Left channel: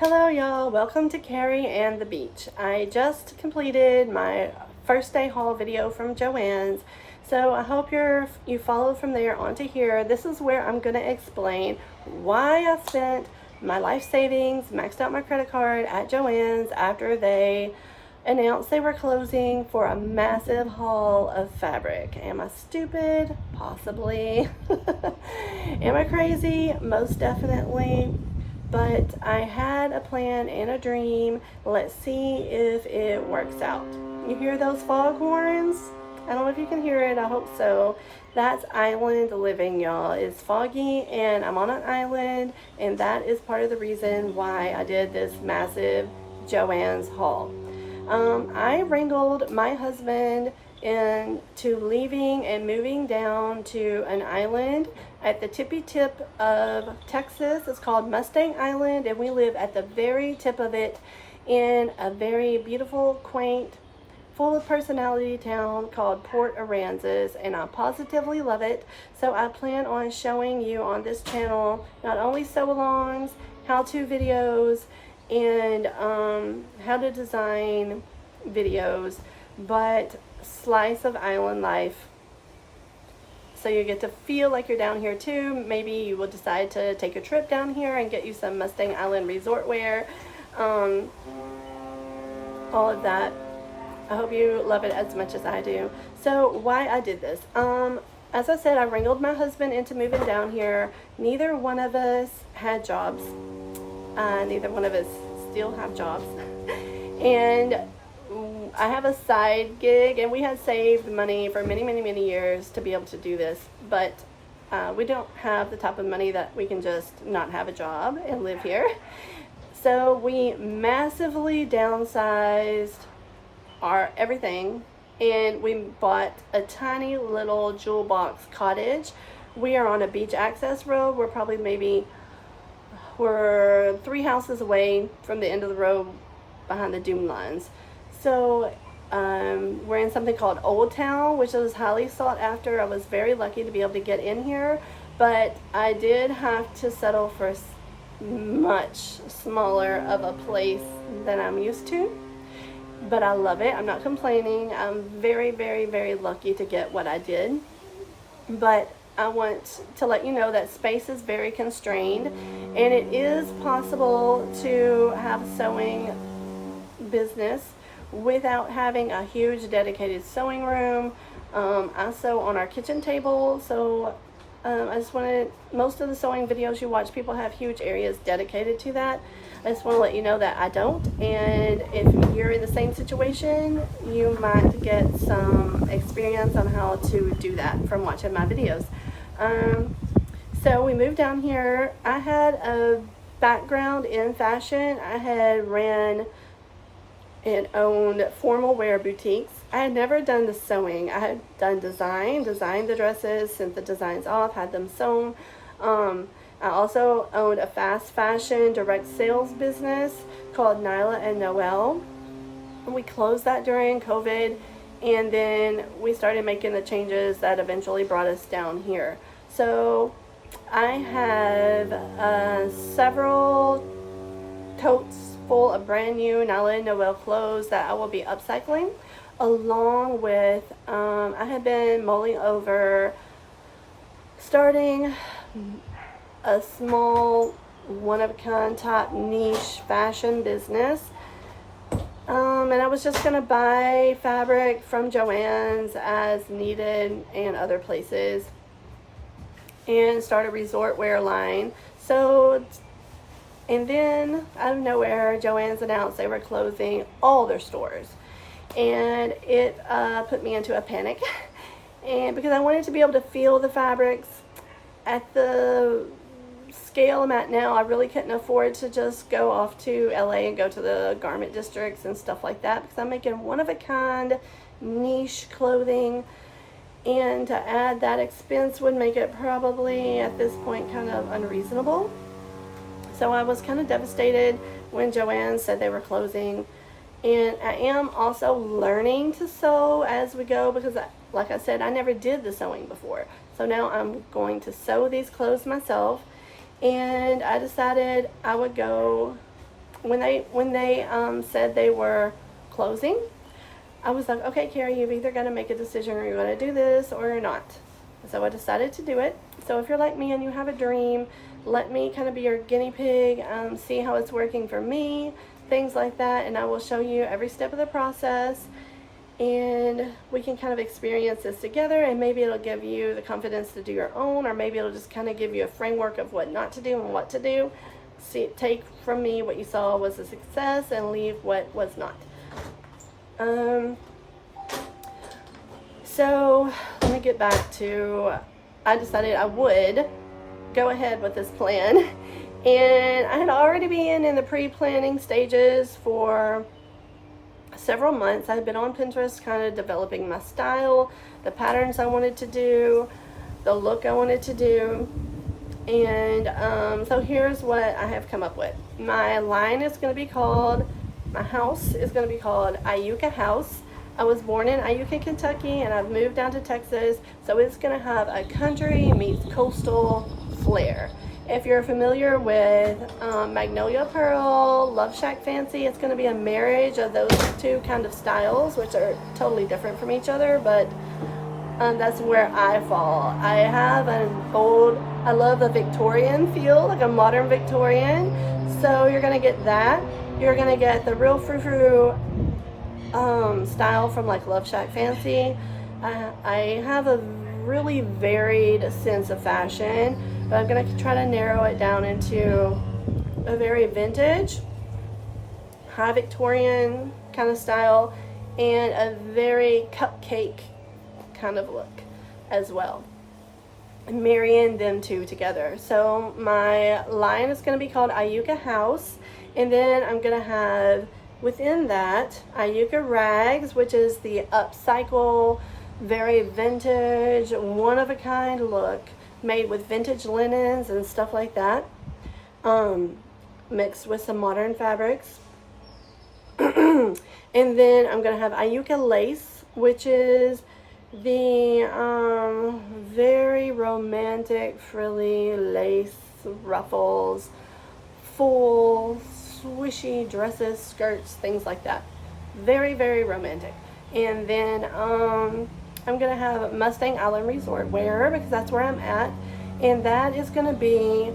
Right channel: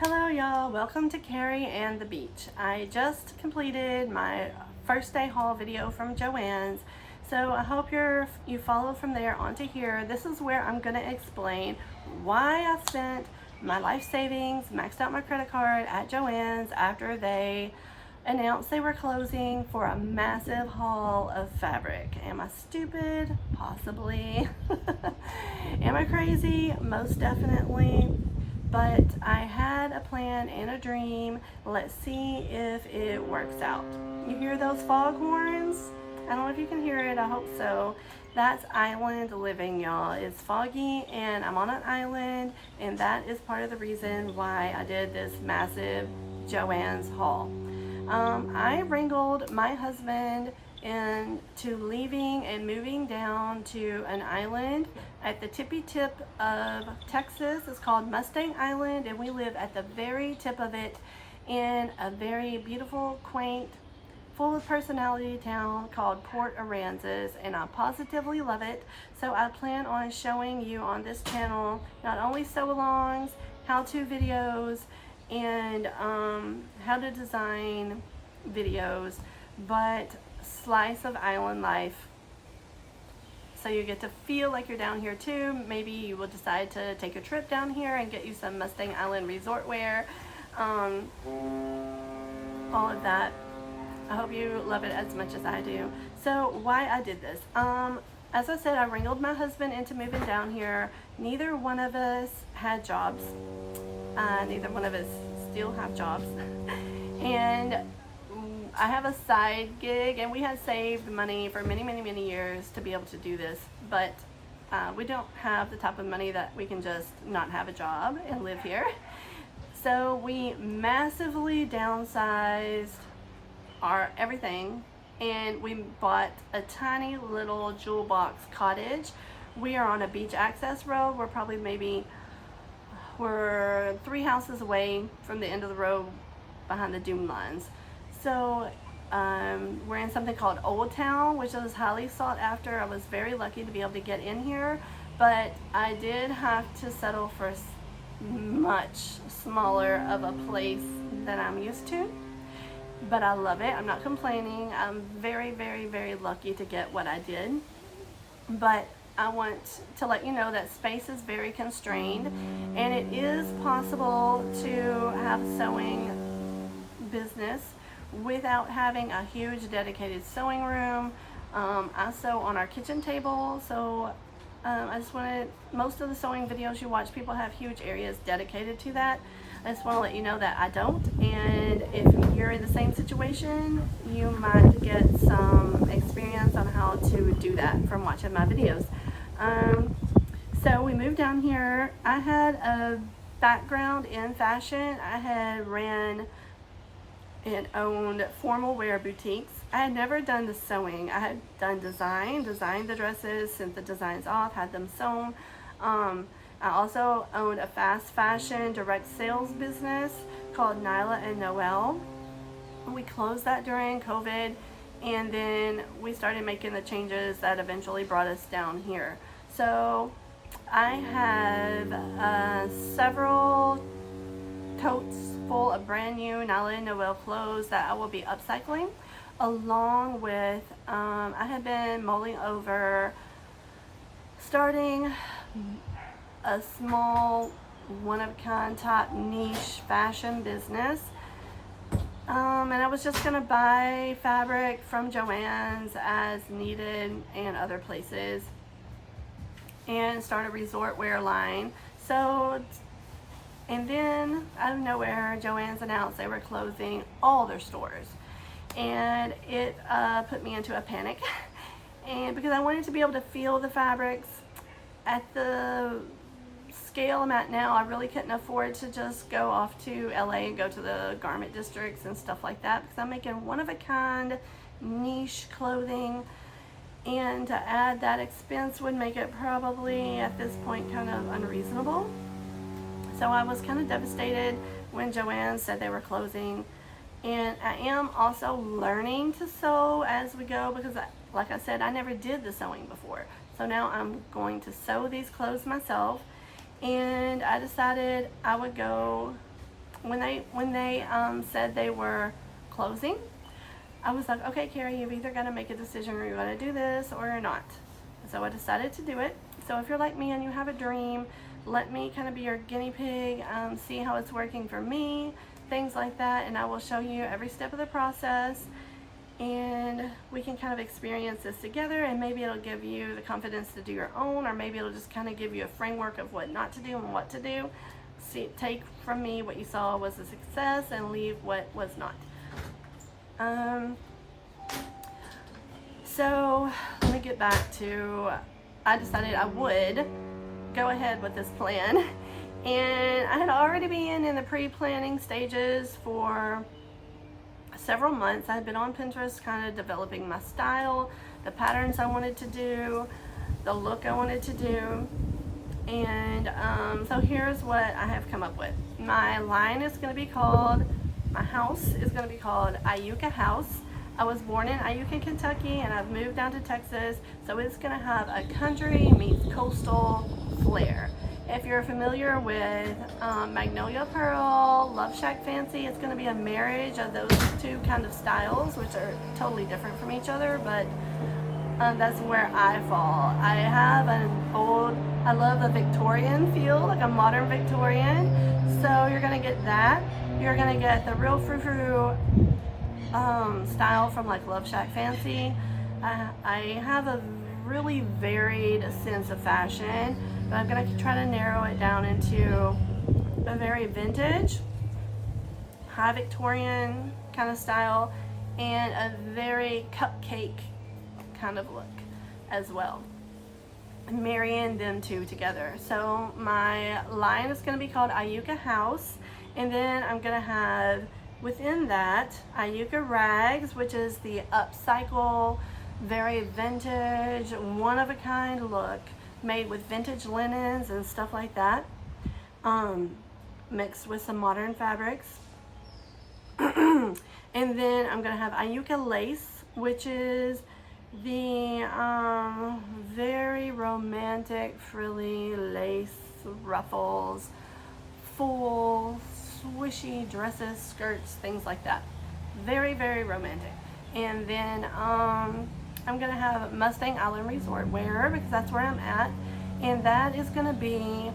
Hello y'all, welcome to Carrie and the Beach. I just completed my first day haul video from JoAnn's, so I hope you follow from there onto here. This is where I'm going to explain why I spent my life savings, maxed out my credit card at JoAnn's after they announced they were closing for a massive haul of fabric. Am I stupid? Possibly. Am I crazy? Most definitely. But I had a plan and a dream. Let's see if it works out. You hear those fog horns? I don't know if you can hear it. I hope so. That's island living, y'all. It's foggy and I'm on an island, and that is part of the reason why I did this massive JoAnn's haul. I wrangled my husband into leaving and moving down to an island at the tippy tip of Texas. It's called Mustang Island, and we live at the very tip of it in a very beautiful, quaint, full of personality town called Port Aransas, and I positively love it. So I plan on showing you on this channel not only sew-alongs, how-to videos, and how to design videos, but slice of island life, so you get to feel like you're down here too. Maybe you will decide to take a trip down here and get you some Mustang Island resort wear, all of that. I hope you love it as much as I do. So why I did this, as I said, I wrangled my husband into moving down here. Neither one of us had jobs. Neither one of us still have jobs. And I have a side gig, and we had saved money for many years to be able to do this, but we don't have the type of money that we can just not have a job and live here. So we massively downsized our everything, and we bought a tiny little jewel box cottage. We are on a beach access road. We're 3 houses away from the end of the road behind the dune lines. So we're in something called Old Town, which is highly sought after. I was very lucky to be able to get in here, but I did have to settle for much smaller of a place than I'm used to. But I love it. I'm not complaining. I'm very lucky to get what I did. But I want to let you know that space is very constrained, and it is possible to have a sewing business without having a huge dedicated sewing room. I sew on our kitchen table, so I just wanted, most of the sewing videos you watch, people have huge areas dedicated to that. I just want to let you know that I don't, and if you're in the same situation, you might get some experience on how to do that from watching my videos. So we moved down here. I had a background in fashion. I had ran and owned formal wear boutiques. I had never done the sewing. I had done designed the dresses, sent the designs off, had them sewn. I also owned a fast fashion direct sales business called Nyla and Noel. We closed that during COVID, and then we started making the changes that eventually brought us down here. So I have several totes full of brand new Nyla and Noel clothes that I will be upcycling, along with I have been mulling over starting a small one-of-a-kind type niche fashion business, and I was just gonna buy fabric from JoAnn's as needed and other places and start a resort wear line. So, and then out of nowhere, JoAnn's announced they were closing all their stores, and it put me into a panic. And because I wanted to be able to feel the fabrics at the scale I'm at now, I really couldn't afford to just go off to LA and go to the garment districts and stuff like that, because I'm making one-of-a-kind niche clothing, and to add that expense would make it probably at this point kind of unreasonable. So I was kind of devastated when JoAnn's said they were closing. And I am also learning to sew as we go, because like I said, I never did the sewing before. So now I'm going to sew these clothes myself, and I decided I would go when they said they were closing, I was like, okay, Carrie, you've either got to make a decision, or you're going to do this or you're not. So I decided to do it. So if you're like me and you have a dream, let me kind of be your guinea pig, see how it's working for me, things like that, and I will show you every step of the process, and we can kind of experience this together, and maybe it'll give you the confidence to do your own, or maybe it'll just kind of give you a framework of what not to do and what to do. See, take from me what you saw was a success and leave what was not. So let me get back to, I decided I would go ahead with this plan, and I had already been in the pre-planning stages for several months. I had been on Pinterest kind of developing my style, the patterns I wanted to do, the look I wanted to do, and so here's what I have come up with. My line is going to be called, my house is going to be called Iuka House. I was born in Iuka, Kentucky, and I've moved down to Texas, so it's going to have a country meets coastal flair. If you're familiar with Magnolia Pearl, Love Shack Fancy, it's going to be a marriage of those two kind of styles, which are totally different from each other, but that's where I fall. I have an old, I love a Victorian feel, like a modern Victorian, so you're going to get that. You're going to get the real frou-frou style from like Love Shack Fancy. I have a really varied sense of fashion, but I'm going to try to narrow it down into a very vintage, high Victorian kind of style, and a very cupcake kind of look as well, and marrying them two together. So my line is going to be called Iuka House, and then I'm going to have within that Iuka Rags, which is the upcycle, very vintage, one-of-a-kind look made with vintage linens and stuff like that, mixed with some modern fabrics. And then I'm going to have Iuka Lace, which is the very romantic frilly lace ruffles, full swishy dresses, skirts, things like that. Very, very romantic. And then I'm gonna have Mustang Island Resort wear, because that's where I'm at, and that is gonna be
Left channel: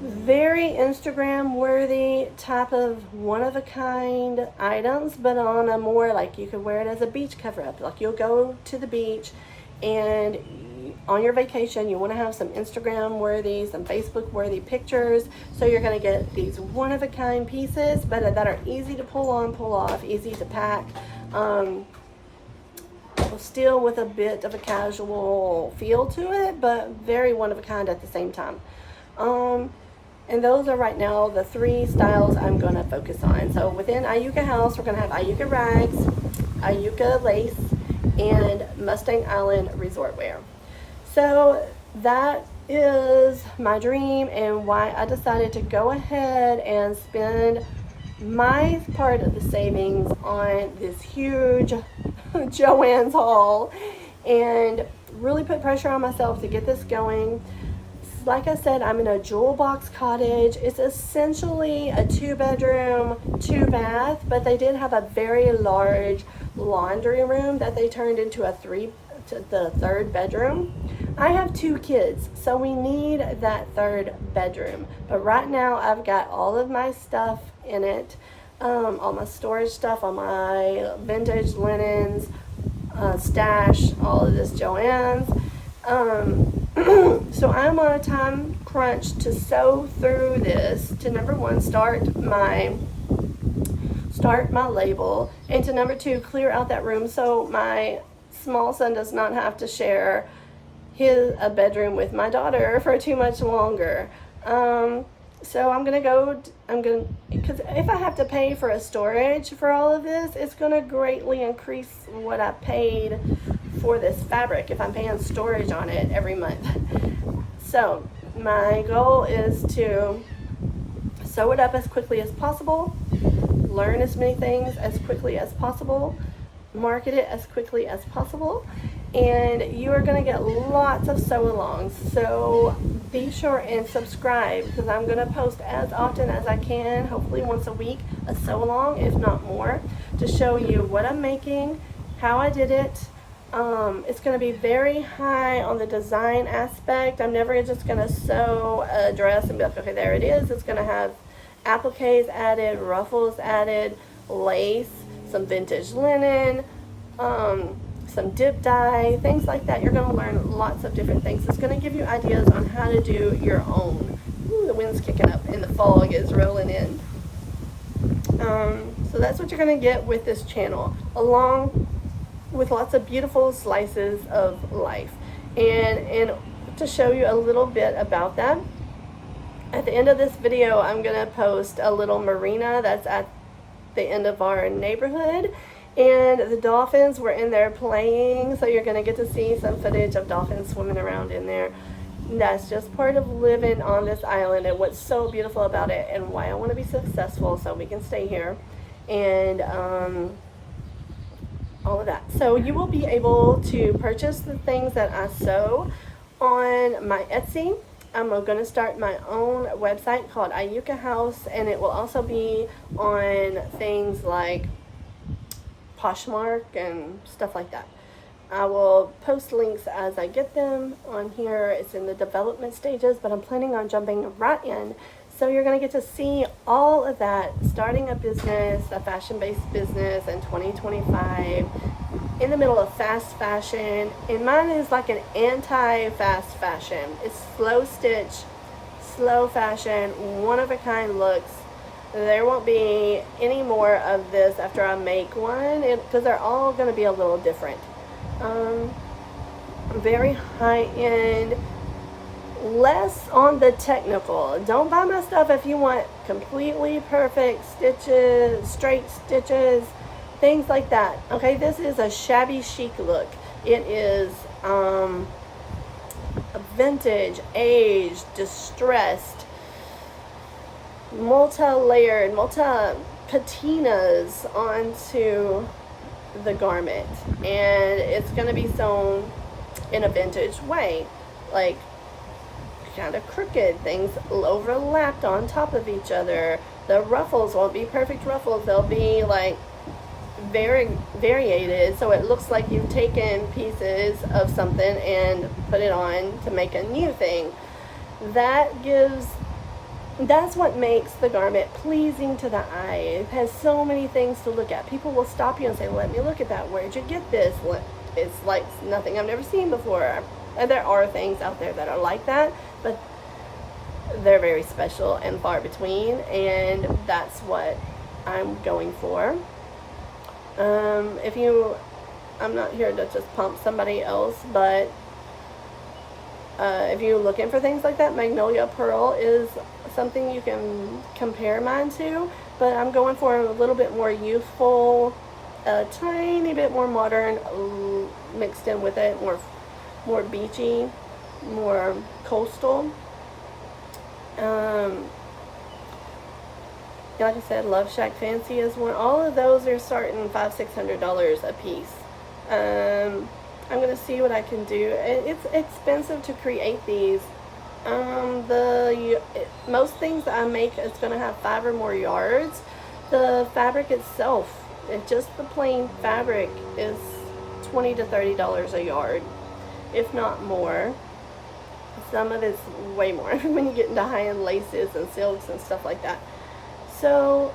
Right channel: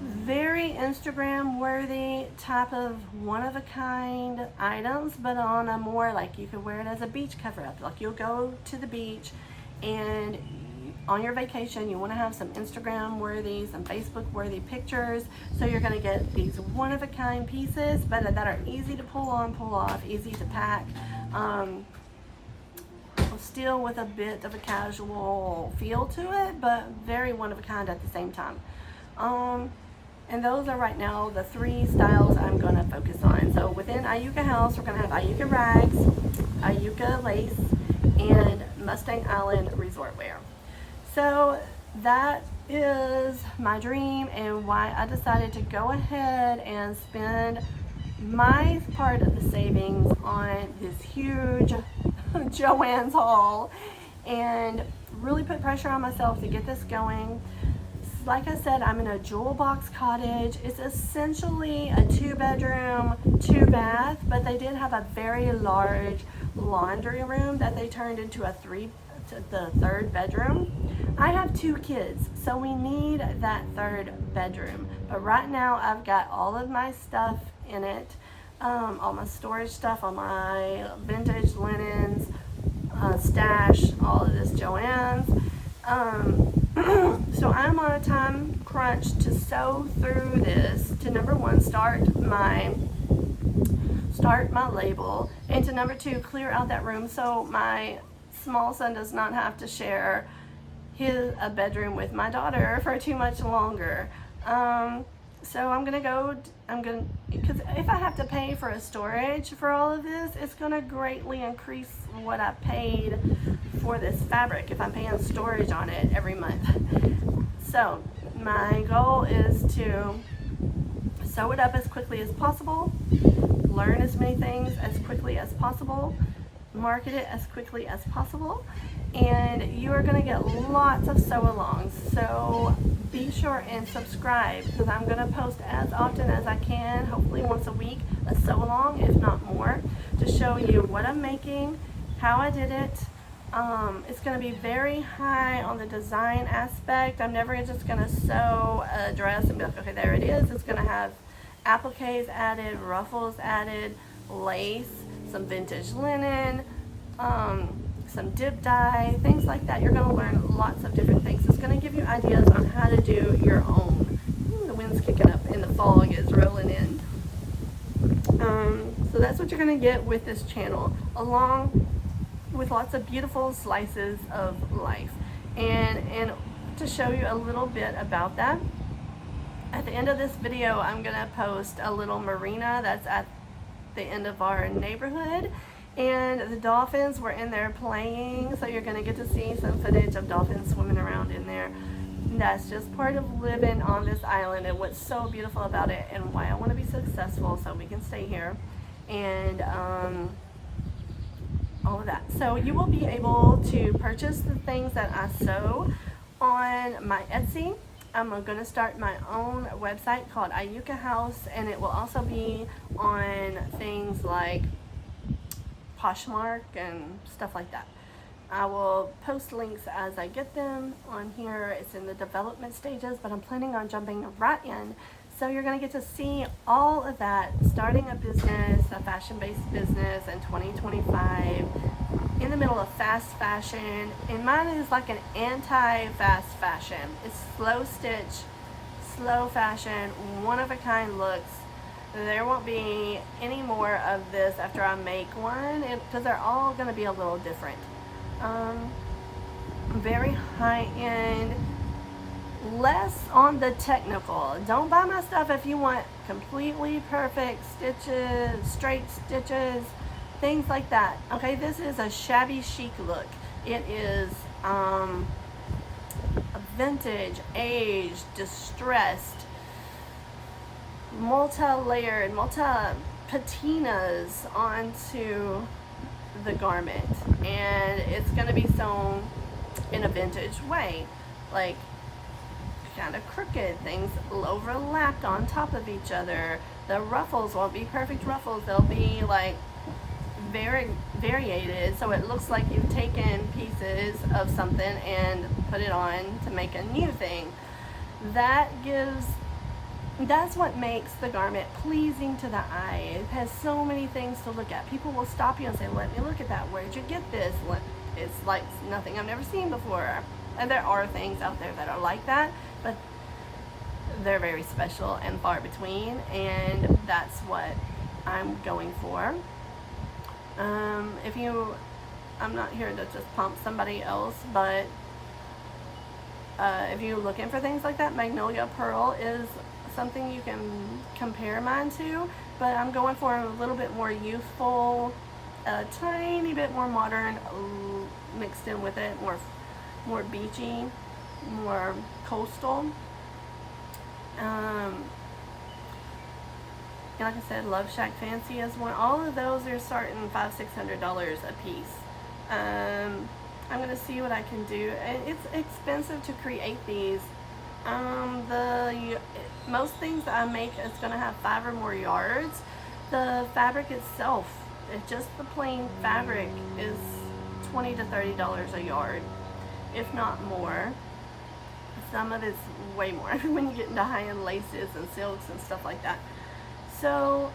very Instagram worthy type of one-of-a-kind items, but on a more like, you could wear it as a beach cover up. Like, you'll go to the beach and on your vacation you want to have some Instagram worthy, some Facebook worthy pictures, so you're going to get these one-of-a-kind pieces, but that are easy to pull on, pull off, easy to pack, still with a bit of a casual feel to it, but very one-of-a-kind at the same time. And those are right now the three styles I'm going to focus on. So within Iuka House, we're going to have Iuka Rags, Iuka Lace, and Mustang Island Resort wear. So that is my dream, and why I decided to go ahead and spend my part of the savings on this huge JoAnn's haul and really put pressure on myself to get this going. Like I said, I'm in a jewel box cottage. It's essentially a 2-bedroom, 2-bath, but they did have a very large laundry room that they turned into the third bedroom. I have 2 kids, so we need that third bedroom. But right now I've got all of my stuff in it, all my storage stuff, all my vintage linens, stash, all of this JoAnn's. So I'm on a time crunch to sew through this, to number 1, start my label, and to number 2, clear out that room so my small son does not have to share a bedroom with my daughter for too much longer. So because if I have to pay for a storage for all of this, it's gonna greatly increase what I paid for this fabric if I'm paying storage on it every month. So my goal is to sew it up as quickly as possible, learn as many things as quickly as possible, market it as quickly as possible, and you are going to get lots of sew alongs. So be sure and subscribe, because I'm going to post as often as I can, hopefully once a week, a sew along, if not more, to show you what I'm making, how I did it. It's going to be very high on the design aspect. I'm never just going to sew a dress and be like, okay, there it is. It's going to have appliques added, ruffles added, lace, some vintage linen, some dip dye, things like that. You're going to learn lots of different things. It's going to give you ideas on how to do your own. Ooh, the wind's kicking up and the fog is rolling in. So that's what you're going to get with this channel, along with lots of beautiful slices of life. And to show you a little bit about that, at the end of this video, I'm going to post a little marina that's at the end of our neighborhood, and the dolphins were in there playing, so you're going to get to see some footage of dolphins swimming around in there. And that's just part of living on this island and what's so beautiful about it, and why I want to be successful so we can stay here, and all of that. So you will be able to purchase the things that I sew on my Etsy. I'm going to start my own website called Ayuka House, and it will also be on things like Poshmark and stuff like that. I will post links as I get them on here. It's in the development stages, but I'm planning on jumping right in. So you're going to get to see all of that, starting a business, a fashion-based business in 2025, in the middle of fast fashion. And mine is like an anti-fast fashion. It's slow stitch, slow fashion, one-of-a-kind looks. There won't be any more of this after I make one, because they're all going to be a little different. Very high-end, less on the technical. Don't buy my stuff if you want completely perfect stitches, straight stitches, things like that. Okay, this is a shabby chic look. It is a vintage, aged, distressed, multi-layered, multi-patinas onto the garment, and it's going to be sewn in a vintage way, like kind of crooked, things overlapped on top of each other. The ruffles won't be perfect ruffles, they'll be like very variated, so it looks like you've taken pieces of something and put it on to make a new thing. That's what makes the garment pleasing to the eye. It has so many things to look at. People will stop you and say, let me look at that. Where'd you get this? It's like nothing I've never seen before. And there are things out there that are like that, but they're very special and far between, and that's what I'm going for. I'm not here to just pump somebody else, but if you're looking for things like that, Magnolia Pearl is something you can compare mine to, but I'm going for a little bit more youthful, a tiny bit more modern mixed in with it, more beachy, more coastal. Like I said, Love Shack Fancy is one. All of those are starting $500-600 a piece. I'm gonna see what I can do. It's expensive to create these. Most things I make, it's gonna have 5 or more yards. The fabric itself, just the plain fabric, is $20 to $30 a yard, if not more. Some of it's way more when you get into high-end laces and silks and stuff like that. So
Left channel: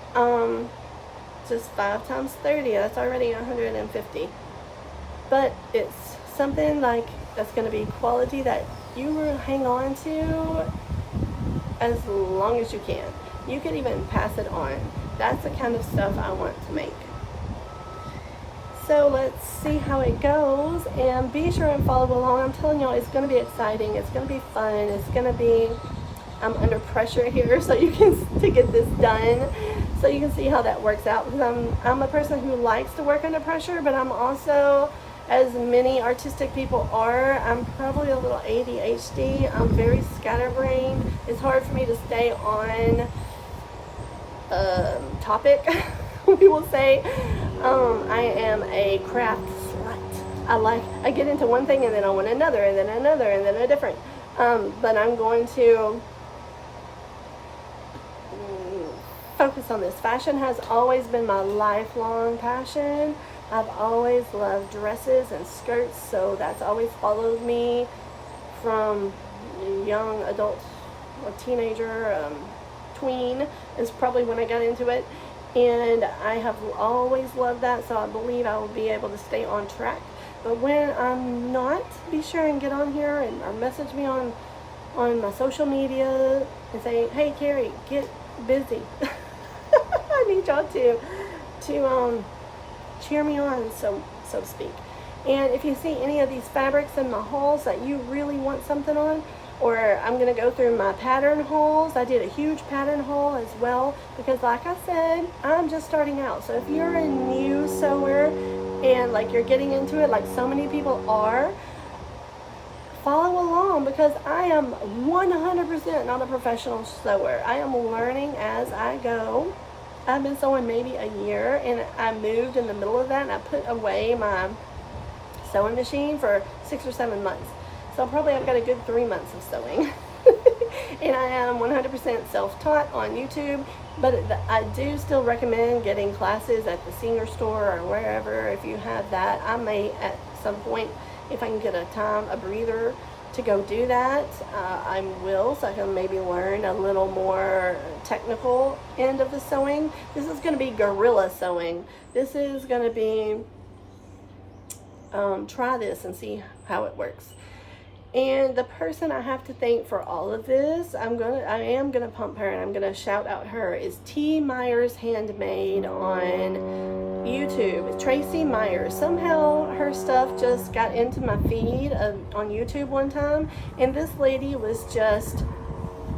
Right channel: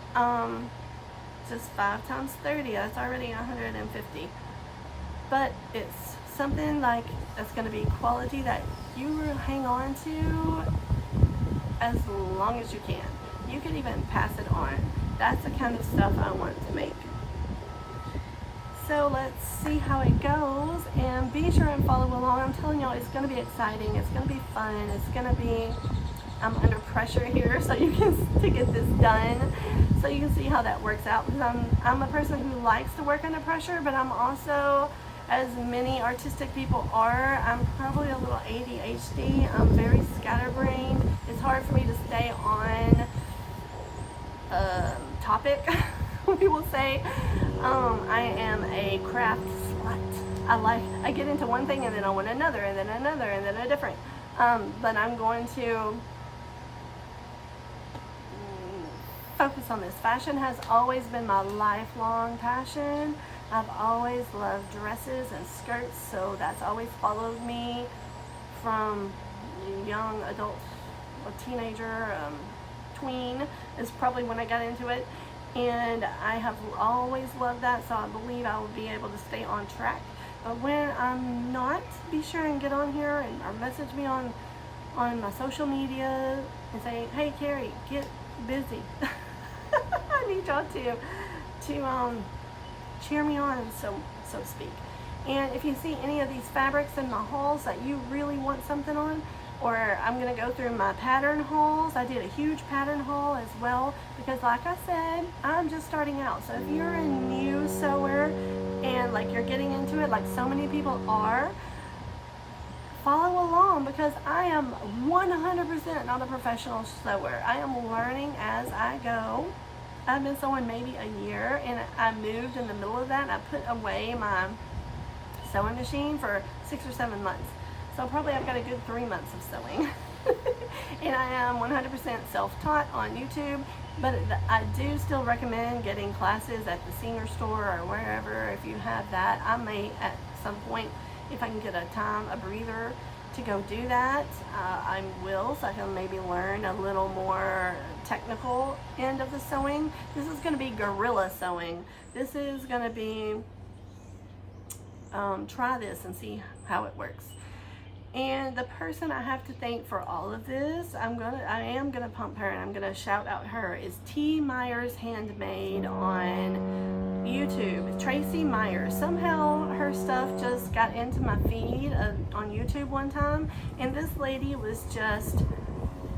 just 5 times 30, that's already $150. But it's something like that's going to be quality that you will hang on to as long as you can. You can even pass it on. That's the kind of stuff I want to make. So let's see how it goes, and be sure and follow along. I'm telling y'all, it's going to be exciting. It's going to be fun. It's going to be, I'm under pressure here to get this done, so you can see how that works out. Because I'm a person who likes to work under pressure, but I'm also, as many artistic people are, I'm probably a little ADHD. I'm very scatterbrained. It's hard for me to stay on topic. People say I am a craft slut. I get into one thing and then I want another and then another and then a different. But I'm going to focus on this. Fashion has always been my lifelong passion. I've always loved dresses and skirts, so that's always followed me from young adult or teenager, tween is probably when I got into it. And I have always loved that, so I believe I will be able to stay on track. But when I'm not, be sure and get on here and or message me on my social media and say, hey Carrie, get busy. I need y'all to cheer me on, so to speak. And if you see any of these fabrics in the hauls that you really want something on, or I'm going to go through my pattern hauls. I did a huge pattern haul as well, because like I said, I'm just starting out. So if you're a new sewer and like you're getting into it like so many people are, follow along, because I am 100% not a professional sewer. I am learning as I go. I've been sewing maybe a year, and I moved in the middle of that, and I put away my sewing machine for 6 or 7 months. So probably I've got a good 3 months of sewing. And I am 100% self-taught on YouTube, but I do still recommend getting classes at the senior store or wherever if you have that. I may at some point, if I can get a breather to go do that, I will, so I can maybe learn a little more technical end of the sewing. This is going to be guerrilla sewing. This is going to be try this and see how it works. And the person I have to thank for all of this, I am gonna pump her and I'm gonna shout out her, is T. Myers Handmade on YouTube. It's Tracy Myers. Somehow her stuff just got into my feed on YouTube one time, and this lady was just,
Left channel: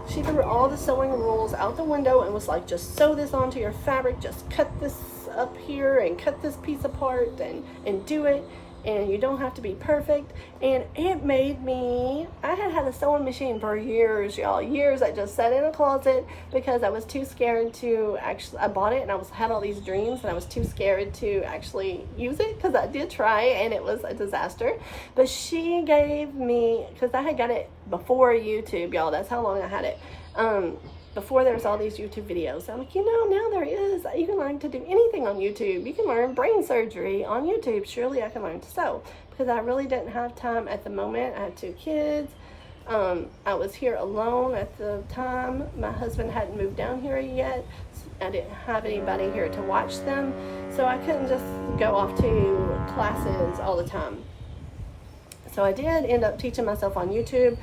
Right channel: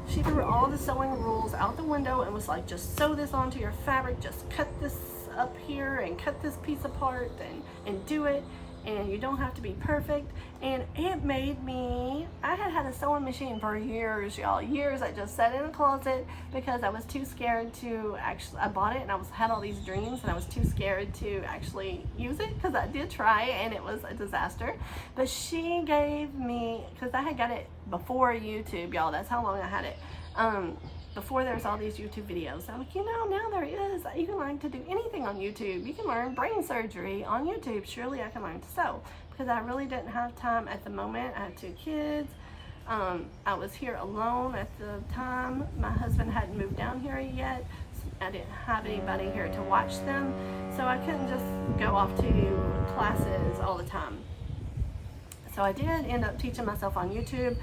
she threw all the sewing rules out the window and was like, just sew this onto your fabric, just cut this up here and cut this piece apart and do it. And you don't have to be perfect. And it made me, I had a sewing machine for years, y'all, years. I just sat in a closet because I was too scared to actually, I bought it and had all these dreams, and I was too scared to actually use it, because I did try and it was a disaster. But she gave me, because I had got it before YouTube, y'all, that's how long I had it. Before there's all these YouTube videos. I'm like, now there is. You can learn to do anything on YouTube. You can learn brain surgery on YouTube. Surely I can learn to sew, because I really didn't have time at the moment. I had 2 kids. I was here alone at the time. My husband hadn't moved down here yet. I didn't have anybody here to watch them. So I couldn't just go off to classes all the time. So I did end up teaching myself on YouTube,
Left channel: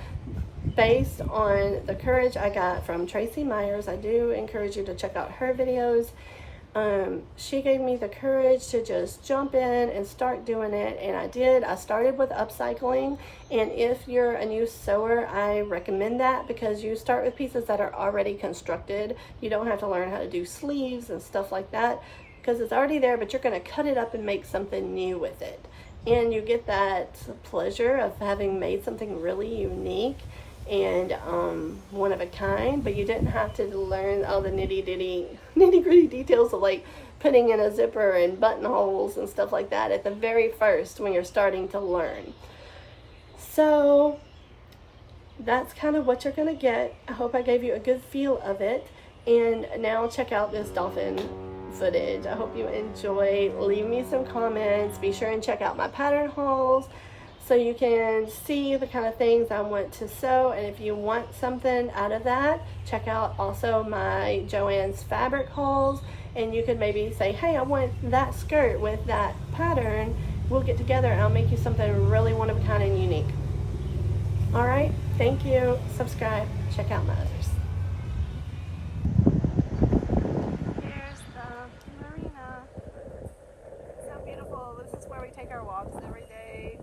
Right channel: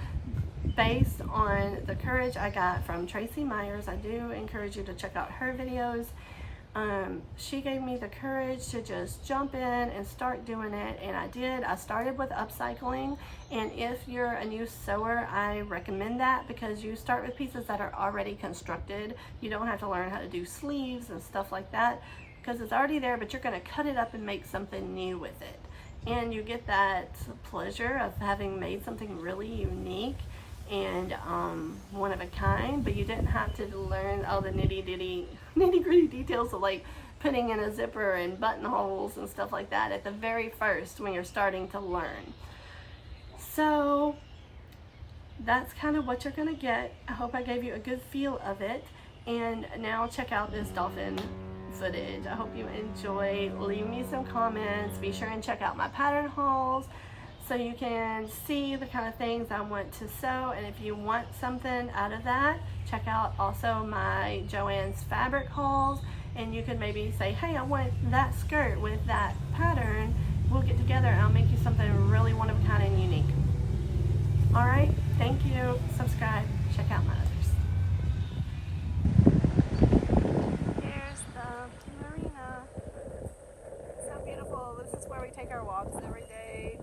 based on the courage I got from Tracy Myers. I do encourage you to check out her videos. She gave me the courage to just jump in and start doing it, and I did. I started with upcycling, and if you're a new sewer, I recommend that, because you start with pieces that are already constructed. You don't have to learn how to do sleeves and stuff like that, because it's already there, but you're going to cut it up and make something new with it. And you get that pleasure of having made something really unique and one of a kind, but you didn't have to learn all the nitty-gritty details of like putting in a zipper and buttonholes and stuff like that at the very first when you're starting to learn. So that's kind of what you're gonna get. I hope I gave you a good feel of it. And now check out this dolphin footage. I hope you enjoy. Leave me some comments. Be sure and check out my pattern hauls, so you can see the kind of things I want to sew. And if you want something out of that, check out also my JoAnn's fabric hauls. And you could maybe say, hey, I want that skirt with that pattern. We'll get together and I'll make you something really one of a kind and unique. All right, thank you. Subscribe, check out my others. Here's the marina. So beautiful. This is where we take our walks every day.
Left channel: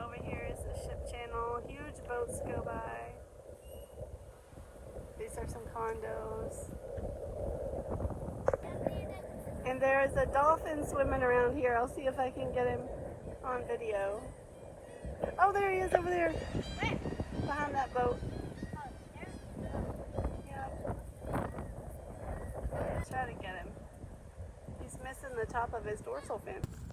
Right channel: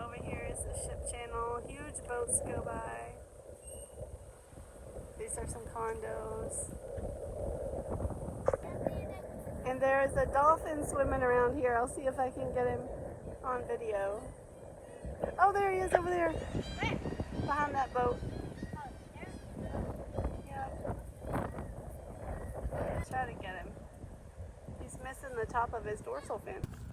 Over here is the ship channel. Huge boats go by. These are some condos. And there is a dolphin swimming around here. I'll see if I can get him on video. Oh, there he is over there. Where? Behind that boat. Yeah. Try to get him. He's missing. missing the top of his dorsal fin.